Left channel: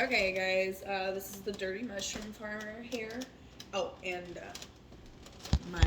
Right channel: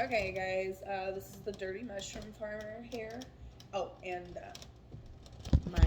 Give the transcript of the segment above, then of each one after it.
Okay, guys, this is the dirty mushroom farmer here. Oh, and my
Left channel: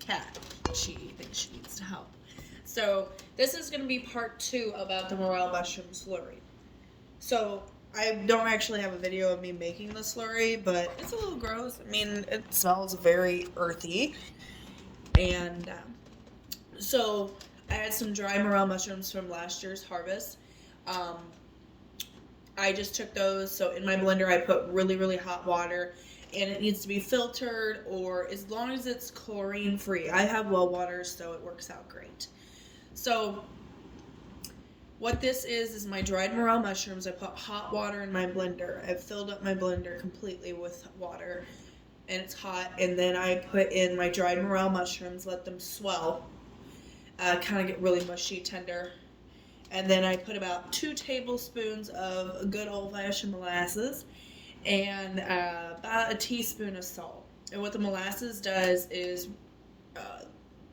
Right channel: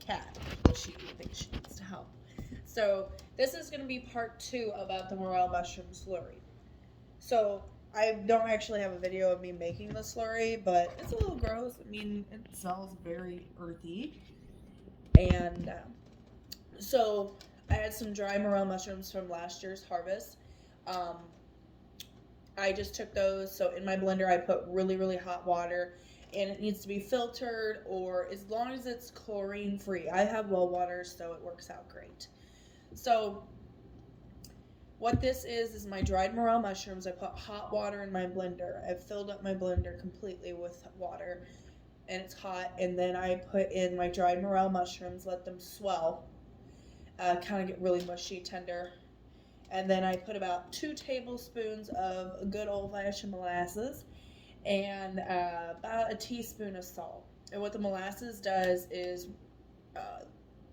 cat. She thinks she needs to help. So this is going to be part 2 about the morel mushroom slurry. So I don't actually have a video of me making the slurry, but it's a little gross. I mean, it smells very earthy. And so I had some dry morel mushrooms from last year's harvest. Um, I just took those. So in my blender, I put really, really hot water, and it needs to be filtered, or as long as it's chlorine free. I have well water, so it works out great. So what this is my dried morel mushrooms. I put hot water in my blender. I've filled up my blender completely with water, and it's hot. And then I put in my dried morel mushrooms, let them swell, kind of get really mushy, tender. And then I put about 2 tablespoons of good old-fashioned molasses and about a teaspoon of salt. And what the molasses does is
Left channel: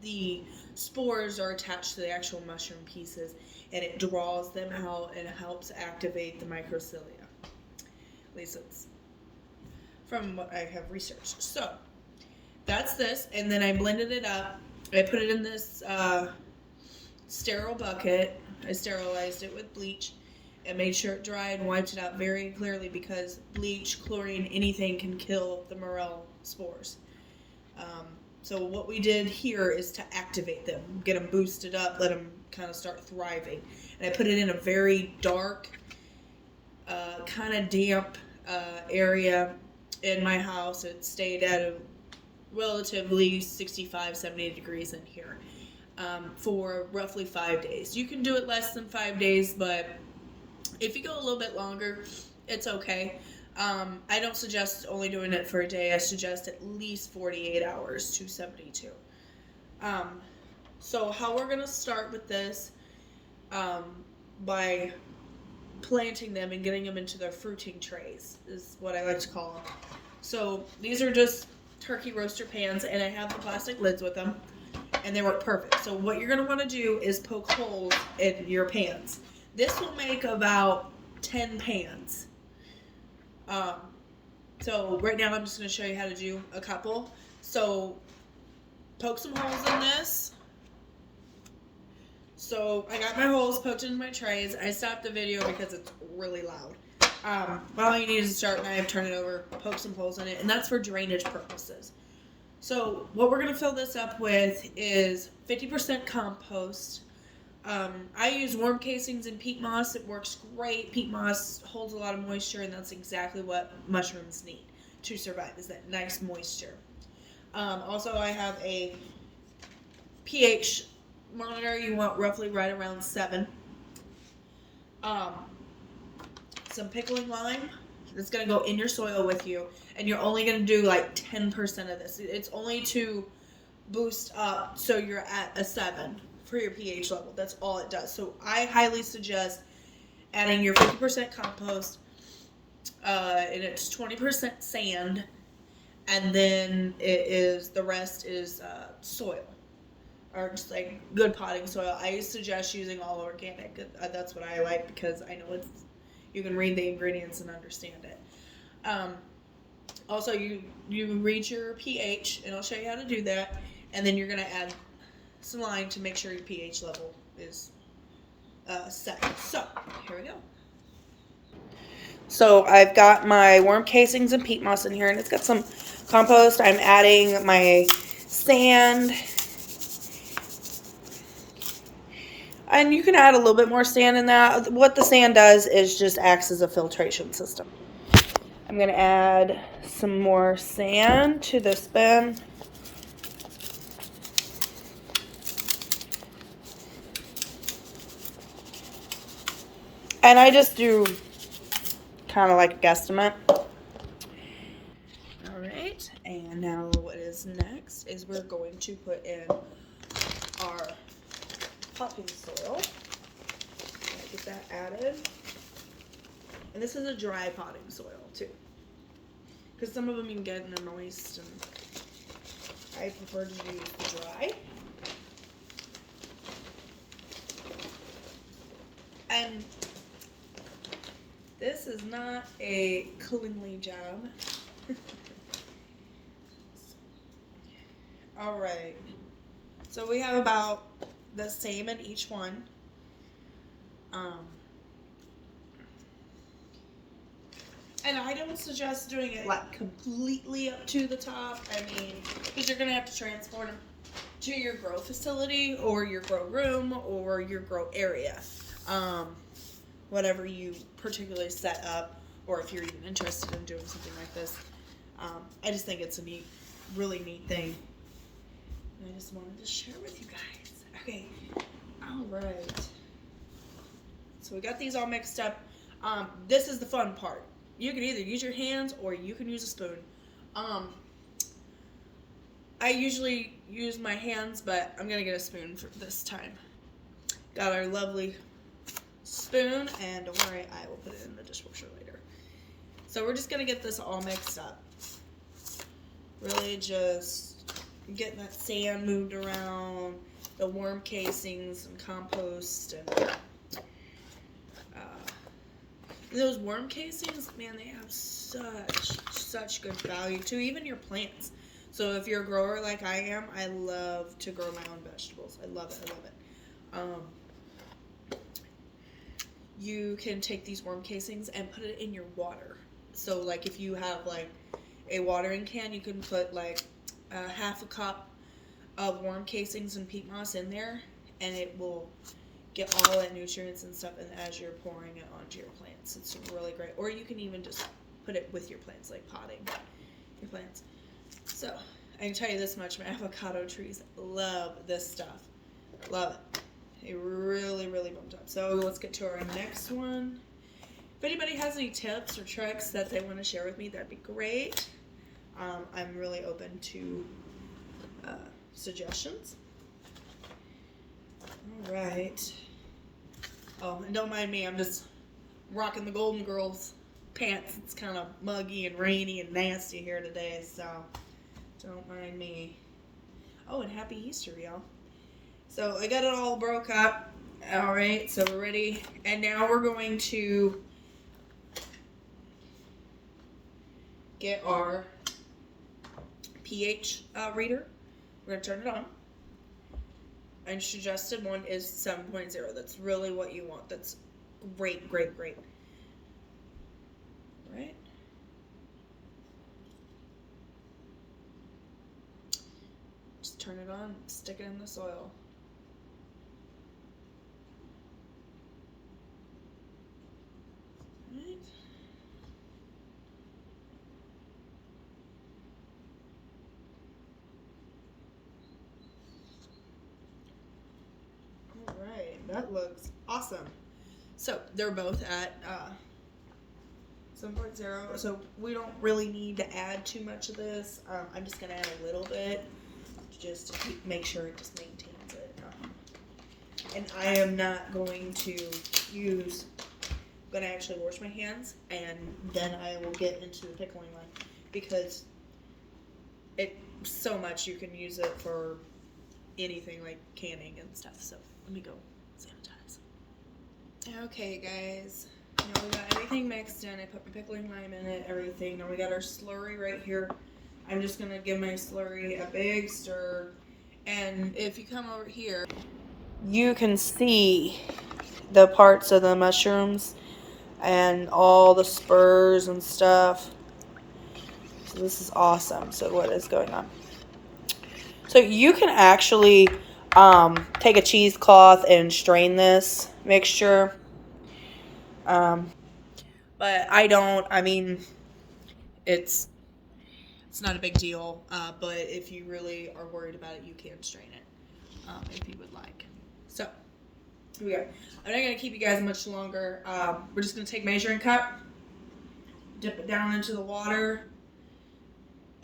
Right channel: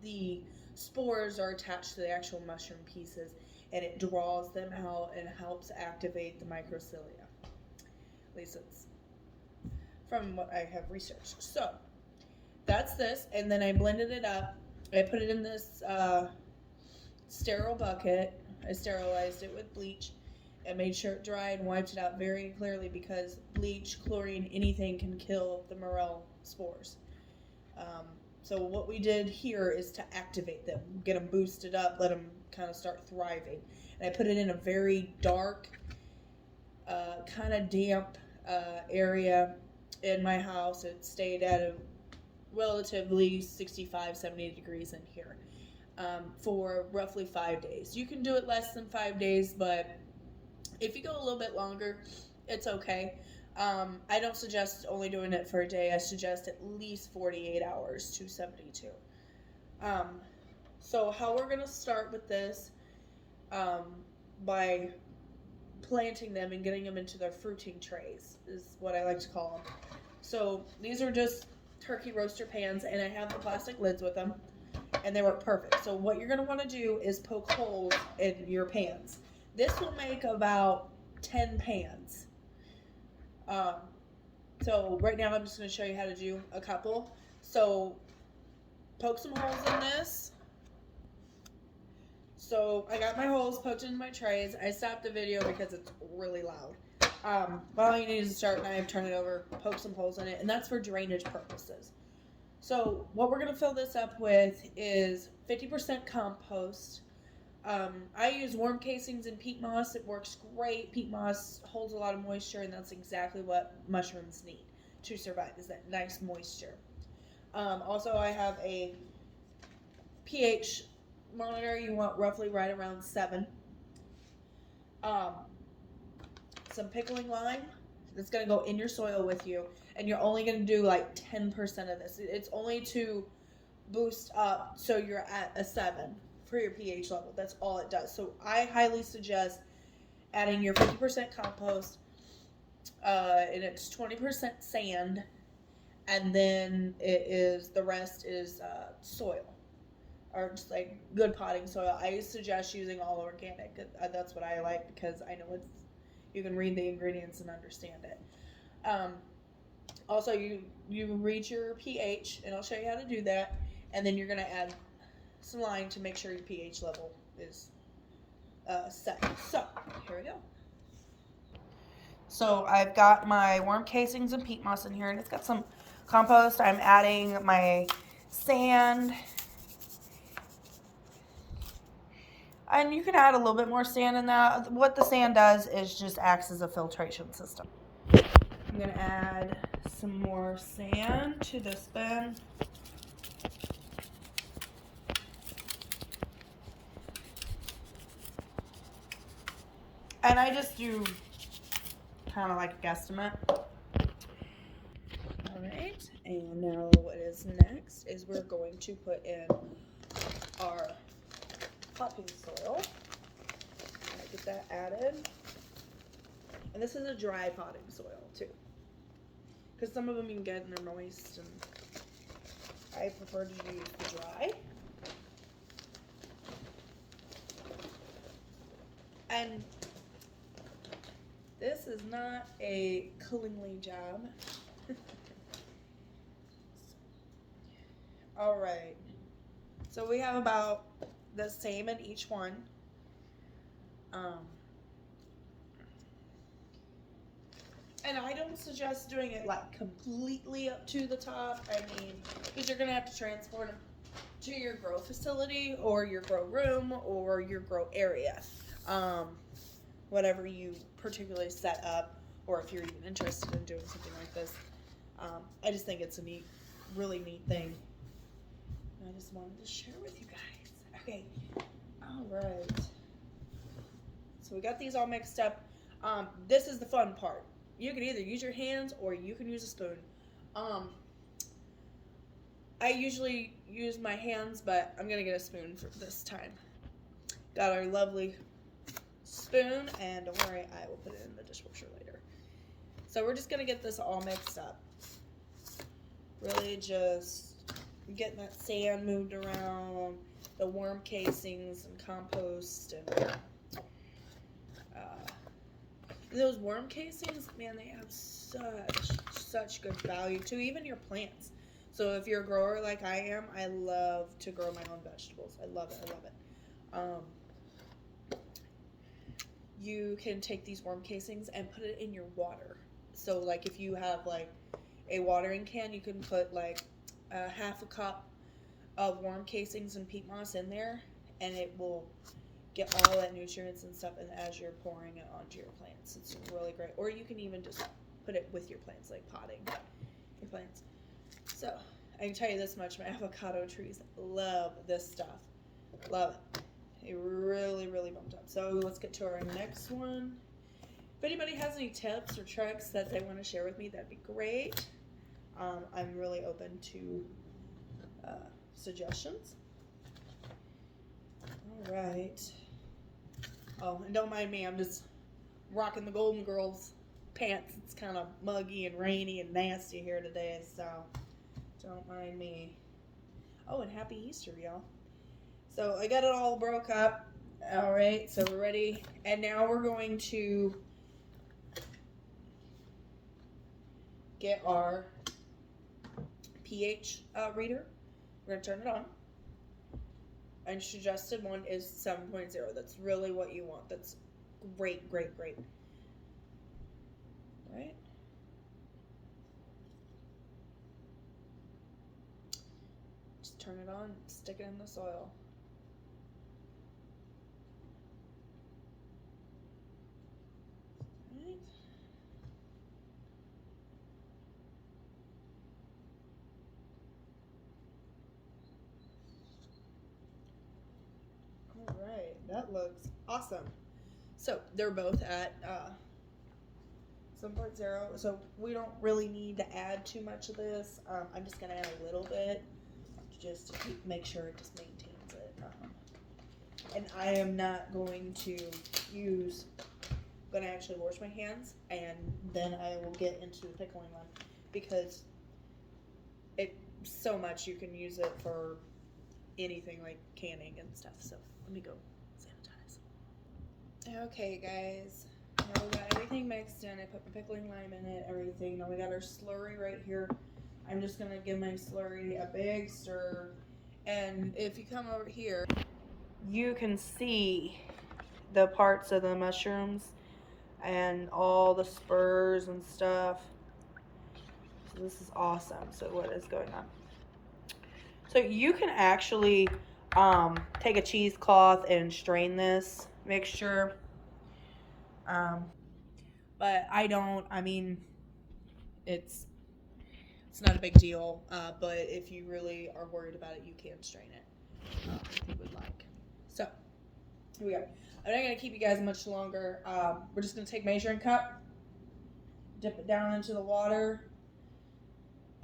the spores are attached to the actual mushroom pieces, and it draws them out and helps activate the microcilia. At least it's from what I have researched. So that's this, and then I blended it up. I put it in this sterile bucket. I sterilized it with bleach and made sure it dried and wiped it out very clearly, because bleach, chlorine, anything can kill the morel spores. So what we did here is to activate them, get them boosted up, let them kind of start thriving. And I put it in a very dark, kind of damp area in my house. It stayed at a relatively 65, 70 degrees in here. For roughly 5 days. You can do it less than 5 days, but if you go a little bit longer, it's okay. I don't suggest only doing it for a day. I suggest at least 48 hours to 72. So how we're going to start with this, by planting them and getting them into their fruiting trays, is what I like to call them. So these are just turkey roaster pans, and I have the plastic lids with them, and they work perfect. So what you're going to want to do is poke holes in your pans. This will make about 10 pans. So right now I'm just going to show you how to do a couple. So poke some holes in this. So I got my holes poked into my trays. I stopped the video because it's really loud. But all you need is a sharp knife, turn it over, poke some holes in it, and that's for drainage purposes. So what we're going to fill this up with is 50% compost. I use worm casings and peat moss. It works great. Peat moss holds a lot of moisture, and that's exactly what mushrooms need to survive, is that nice moisture. Also, I have a pH monitor. You want roughly right around 7. Some pickling lime that's going to go in your soil with you, and you're only going to do like 10% of this. It's only to boost up so you're at a 7 for your pH level. That's all it does. So I highly suggest adding your 50% compost, and it's 20% sand, and then the rest is soil, or just like good potting soil. I suggest using all organic. That's what I like, because I know you can read the ingredients and understand it. Also, you read your pH, and I'll show you how to do that, and then you're going to add some lime to make sure your pH level is set. So, here we go. So, I've got my worm casings and peat moss in here, and it's got some compost. I'm adding my sand, and you can add a little bit more sand in that. What the sand does is just acts as a filtration system. I'm going to add some more sand to this bin. And I just do kind of like a guesstimate. Alright, and now what is next is we're going to put in our potting soil. Get that added. And this is a dry potting soil too, because some of them you can get and they're moist, and I prefer to use the dry. And This is not a cleanly job. All right. So we have about the same in each one. And I don't suggest doing it like completely up to the top. I mean, because you're gonna have to transport them to your grow facility or your grow room or your grow area, whatever you particularly set up, or if you're even interested in doing something like this. I just think it's a really neat thing. And I just wanted to share with you guys. Okay, all right. So we got these all mixed up. This is the fun part. You can either use your hands or you can use a spoon. I usually use my hands, but I'm gonna get a spoon for this time. Got our lovely spoon, and don't worry, I will put it in the dishwasher later. So we're just gonna get this all mixed up. Really just getting that sand moved around, the worm casings and compost, and those worm casings, man, they have such good value to even your plants. So if you're a grower like I am, I love to grow my own vegetables. I love it. You can take these worm casings and put it in your water. So like if you have like a watering can, you can put like half a cup of worm casings and peat moss in there, and it will get all that nutrients and stuff, and as you're pouring it onto your plants, it's really great. Or you can even just put it with your plants, like potting your plants. So I can tell you this much: my avocado trees love this stuff. Love it. They really bumped up. So let's get to our next one. If anybody has any tips or tricks that they want to share with me, that'd be great. I'm really open to suggestions. All right. Oh, and don't mind me, I'm just rocking the Golden Girls pants. It's kind of muggy and rainy and nasty here today, so don't mind me. Oh, and happy Easter, y'all. So I got it all broke up. All right, so we're ready. And now we're going to get our pH reader. We're going to turn it on. And suggested one is 7.0. That's really what you want. That's great. All right. Just turn it on, stick it in the soil. All right. Alright, that looks awesome. So they're both at 7.0, so we don't really need to add too much of this. I'm just going to add a little bit just to make sure it just maintains it. And I am not going to use, I'm going to actually wash my hands, and then I will get into the pickling one, because it so much you can use it for anything like canning and stuff. So let me go sanitize. Okay, guys. Now we got everything mixed in. I put my pickling lime in it, everything. Now we got our slurry right here. I'm just going to give my slurry a big stir. And if you come over here, you can see the parts of the mushrooms and all the spurs and stuff. So this is awesome. So what is going on? So you can actually take a cheesecloth and strain this mixture. But I don't. I mean, it's not a big deal. But if you really are worried about it, you can strain it if you would like. So here we go. I'm not going to keep you guys much longer. We're just going to take measuring cup, dip it down into the water,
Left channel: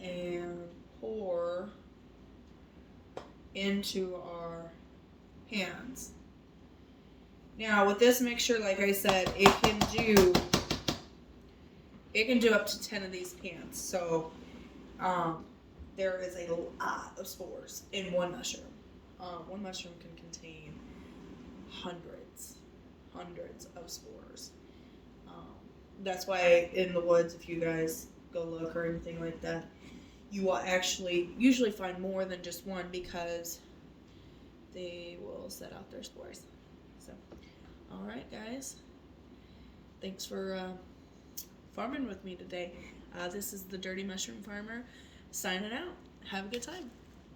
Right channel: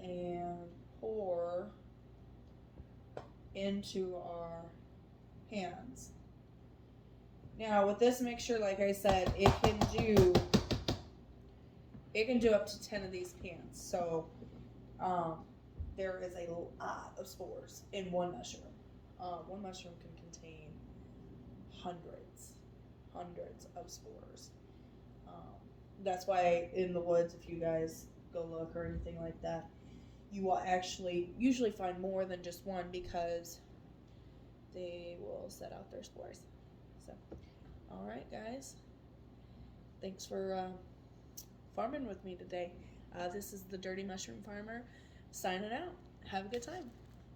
and pour into our hands. Now with this mixture, like I said, it can do up to 10 of these pans. So there is a lot of spores in one mushroom. One mushroom can contain hundreds of spores. That's why in the woods, if you guys go look or anything like that, you will actually usually find more than just one because they will set out their spores. So, all right, guys. Thanks for farming with me today. This is the Dirty Mushroom Farmer signing out. Have a good time.